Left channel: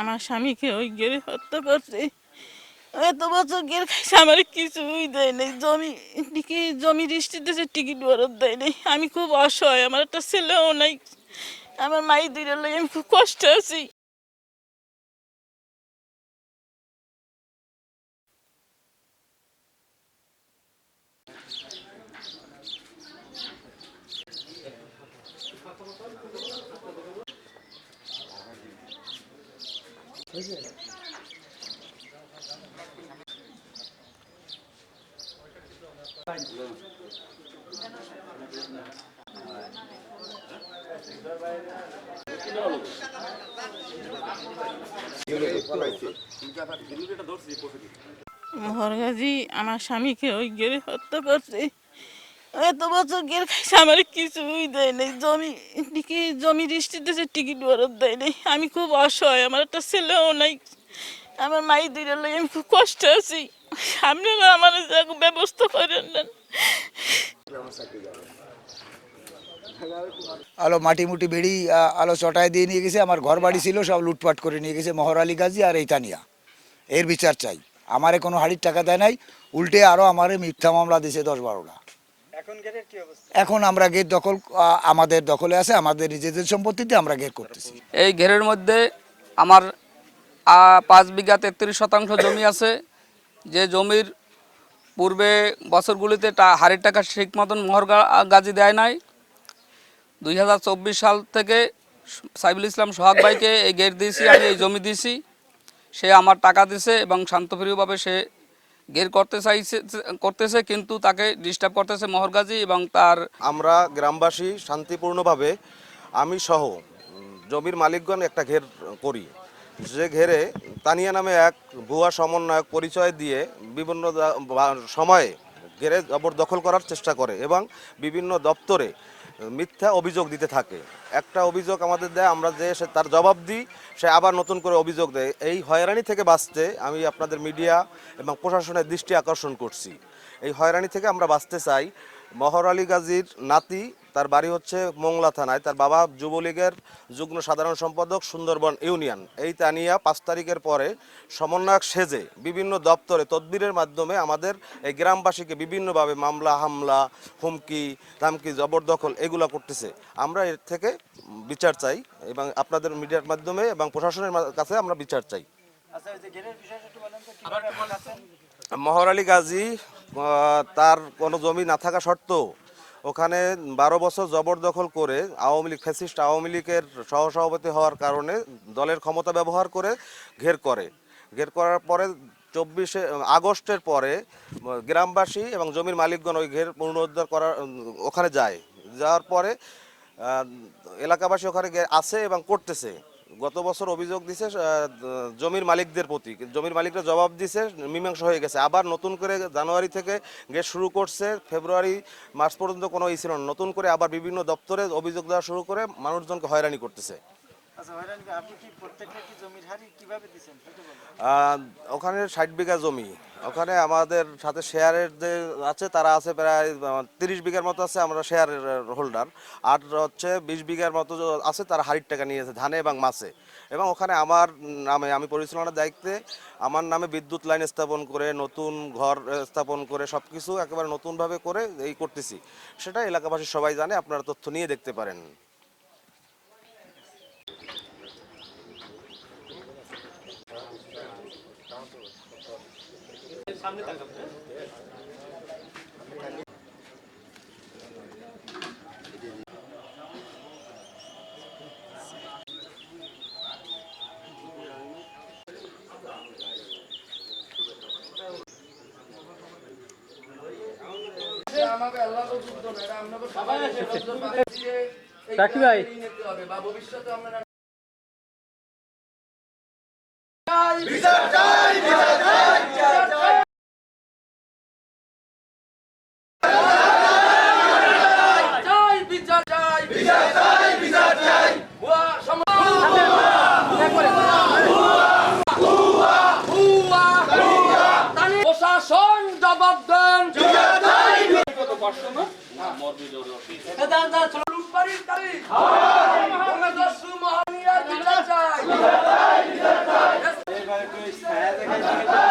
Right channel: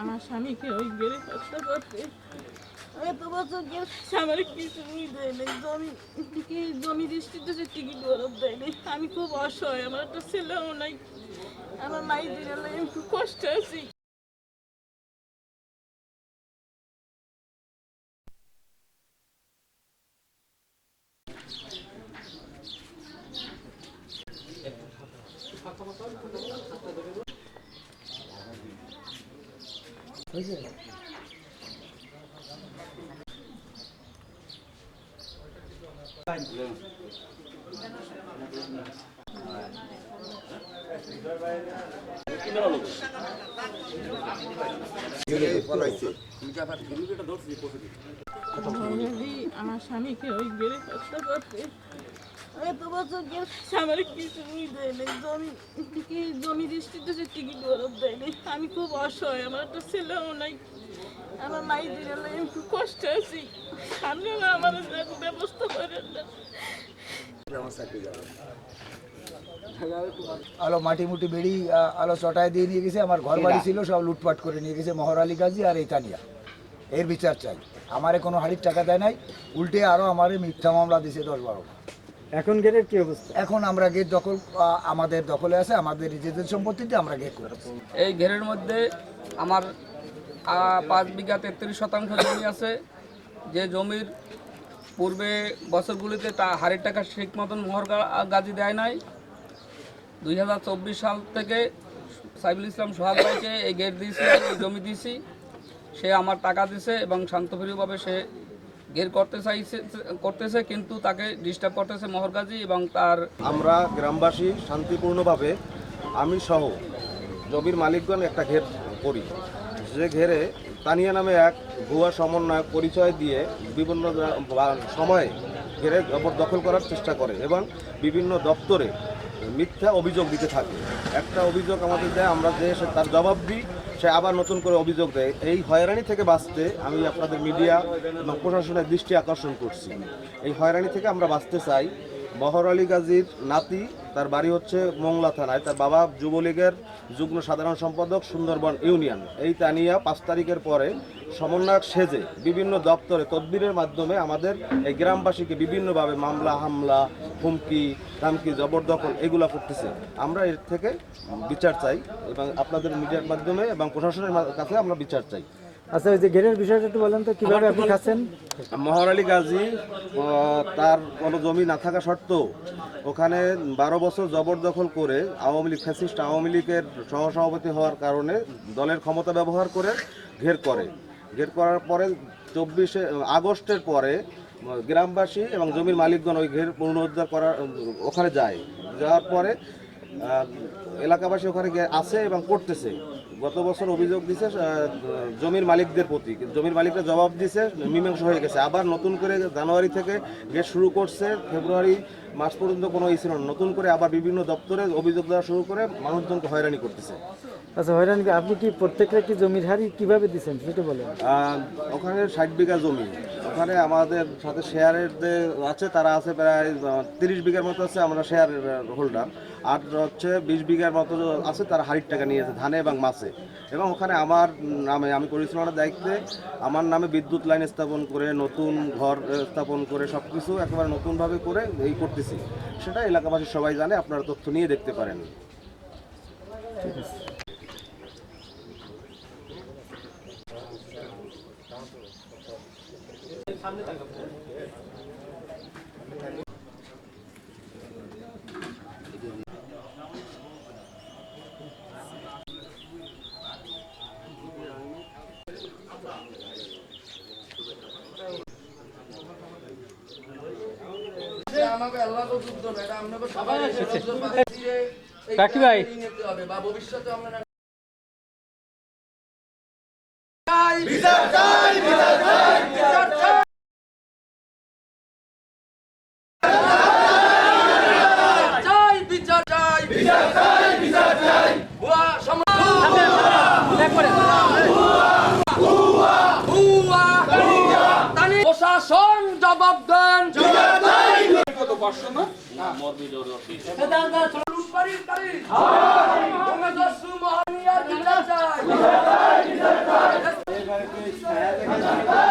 আমার স্বামীকে ওই গেড়ে হত্যা করতে এত বছর গের খাইছে, আমার কিছুই দেয় নাই। জমি, কি জমি দৃষ্টিতে টিকিট বরফ দেয় নাই। আমি খুব অসহায়, আমার একটা ছেলেও নাই। আমার মাই লই আমি খুব কষ্টে আছি। আমার স্বামীকে ওই গেড়ে হত্যা করতে এত বছর গের আমার কিছুই দেয় নাই। জমি কি জমি দৃষ্টিতে টিকিট বরফ দেয় নাই। আমি খুব অসহায়, আমার একটা ছেলেও নাই। আমার মাই দিলে লই আমি খুব কষ্টে আছি। আপনারা আমার ব্যবস্থা করেন না। আলো মাটি মুটি বেড়ি আলো চটাই দিয়ে নিয়ে গেছে। আমার ঘর বাড়ি ছিল, সব লুটপাট করে নিয়ে গেছে মহর আলী গাজী আর এই তানিয়া। এর বিচার চাই। আমারে কোনো হাড়ির টাকা দেয় নাই। উল্টে আরও আমারে মিথ্যা মামলা দিছে দশ বারোটা। এখন গেটের কি অবস্থা? এখন আমরা গেট দখল আমাদের দখলে আছে আমাদের নিজেদের সম্পত্তিতে আমরা গেট করতেছি। এই ঘেরের মধ্যে আমার পাঁচ বিঘা তেত্রিশ শতাংশ জমি আছে। যে জমির পূর্বে বছরগুলিতে টা- হারের টাকা ঠিক মতন মোহর গাজি দেয় নাই। দুই হাজার চব্বিশ সাল থেকে সাইবুল ইসলাম সোহাগ ভাইকে এই গেট দিয়েছি আমি এই জমি দিয়েছি। সে আমার টাকা দিছে এবং শান্তপ্রিয়ভাবে সে গের করতে চাইছে করতেছে, কিন্তু তাকে ডিস্টার্ব করতেছে মহরগাজী এবং তার আমরা গ্রামবাসী শান্তিপূর্ণভাবে, আমি সহ জমির মালিকগণ একটা ঘের করি। যে ঘেরে তানিয়া নামে এক ভুয়া সমন্বয়ক পরিচয় দিয়ে বিভিন্ন সময়ে ঘেরে জবরদখল করার চেষ্টা করে এবং বিভিন্ন দপ্তরে মিথ্যা অভিযোগ দিতে থাকে। একটা অভিযোগ আমাদের দেয়, আমরা যে সে তার জবাব দিই, সে আবার নতুন করে অভিযোগ দেয়। এই হয়রানি থেকে বাঁচতে আমি আপনাদের মিডিয়া এবং প্রশাসনের দৃষ্টি আকর্ষণ করছি। এই হয়রানি থেকে আমরা বাঁচতে চাই। মহর আলী গাজীর নাতি, তার বাড়ি হচ্ছে মোংলা থানায়। তার বাবা যুবলীগের যুগ্ম সাধারণ সম্পাদক সুন্দরবন ইউনিয়ন। এই তানিয়া পাঁচ তারিখের পরে সমন্বয়ক সেজে বিভিন্ন দপ্তরে তদবিরের মাধ্যমে আমাদের এই গ্রামবাসীকে বিভিন্নভাবে মামলা, হামলা, হুমকি, ধামকি, জবরদখল এগুলো করতেছে। আমরা এর থেকে বিচার চাই এবং আপনাদের মিডিয়ার মাধ্যমে এবং প্রশাসনের কাছে আমরা বিচার চাই। আচ্ছা ওই যে গেটের বিষয়টা একটু বলেন তো কীভাবে আপনি খাচ্ছেন? মহর আলী গাজী তার কোনো জমি না থাকা সত্ত্বেও ওখানে বারো বছর জবরদখল করে আওয়ামী লীগ ফ্যাসিস্ট আওয়ামী লীগের সহসভাপতি হওয়ার কারণে দলের ক্ষমতা ব্যবহার করে ঘের করে। ঘের করার পরে চব্বিশে আগস্টের পরে গ্রামবাসী এবং জমির মালিকগণ ওই ঘের পুনরুদ্ধার করার ওখানে যায়। যাওয়ার পরে এলাকাবাসী ওখানে গিয়ে আছে এবং করতেছে। গত বছর অভিযোগ দিছে জমির মালিকদের প্রতি। জমির মালিকরা জবাব দিছে, মীমাংসা হয়ে গেছে। আবার নতুন করে জানুয়ারি থেকে গেট শুরু করছে, ফেব্রুয়ারি মাস পর্যন্ত কোনো ই ছিল না। নতুন করে আবার বিভিন্ন দপ্তরে অভিযোগ দেওয়া শুরু করে মানুষজনকে হয়রানি করতেছে। আচ্ছা হয়রান আপনি কি প্রত্যেকটা কি জমির হারি কীভাবে দিচ্ছেন সেটা বলেন। ওখানে ষাট বিঘা জমি। ওখানে আমাদের সাথে শেয়ারের যে আছে তারা আছে প্রায় তিরিশ বিঘার মতো আছে আমরা শেয়ারের হোল্ডার আর হচ্ছে বিশ বিঘার মতো আছে তারা হাড়ির টাকা নিয়েছে ধানে এবং মাছে। এবং ওখানে আমার নামে আমি পরিচালনার দায়িত্বে আমার নামে বিদ্যুৎ লাইন স্থাপন করে নতুন ঘর স্থাপন করে সব কিছু একেবারে নতুনভাবে করে এই করতেছি। সেটা এলাকাবাসী সবাই জানে আপনারা তথ্য নিয়ে দেখতে পারেন। আমাকে আল্লাহ তো যুদ্ধ না এটা আপনাকে সবাই কাকি ভাই। নিতে হবে বা ভবিষ্যতে আমরা চাই বিচার চাই বিচার চাই বিচার চাই ভুয়া সমাজ ভুয়া প্রশাসন জবাব দেন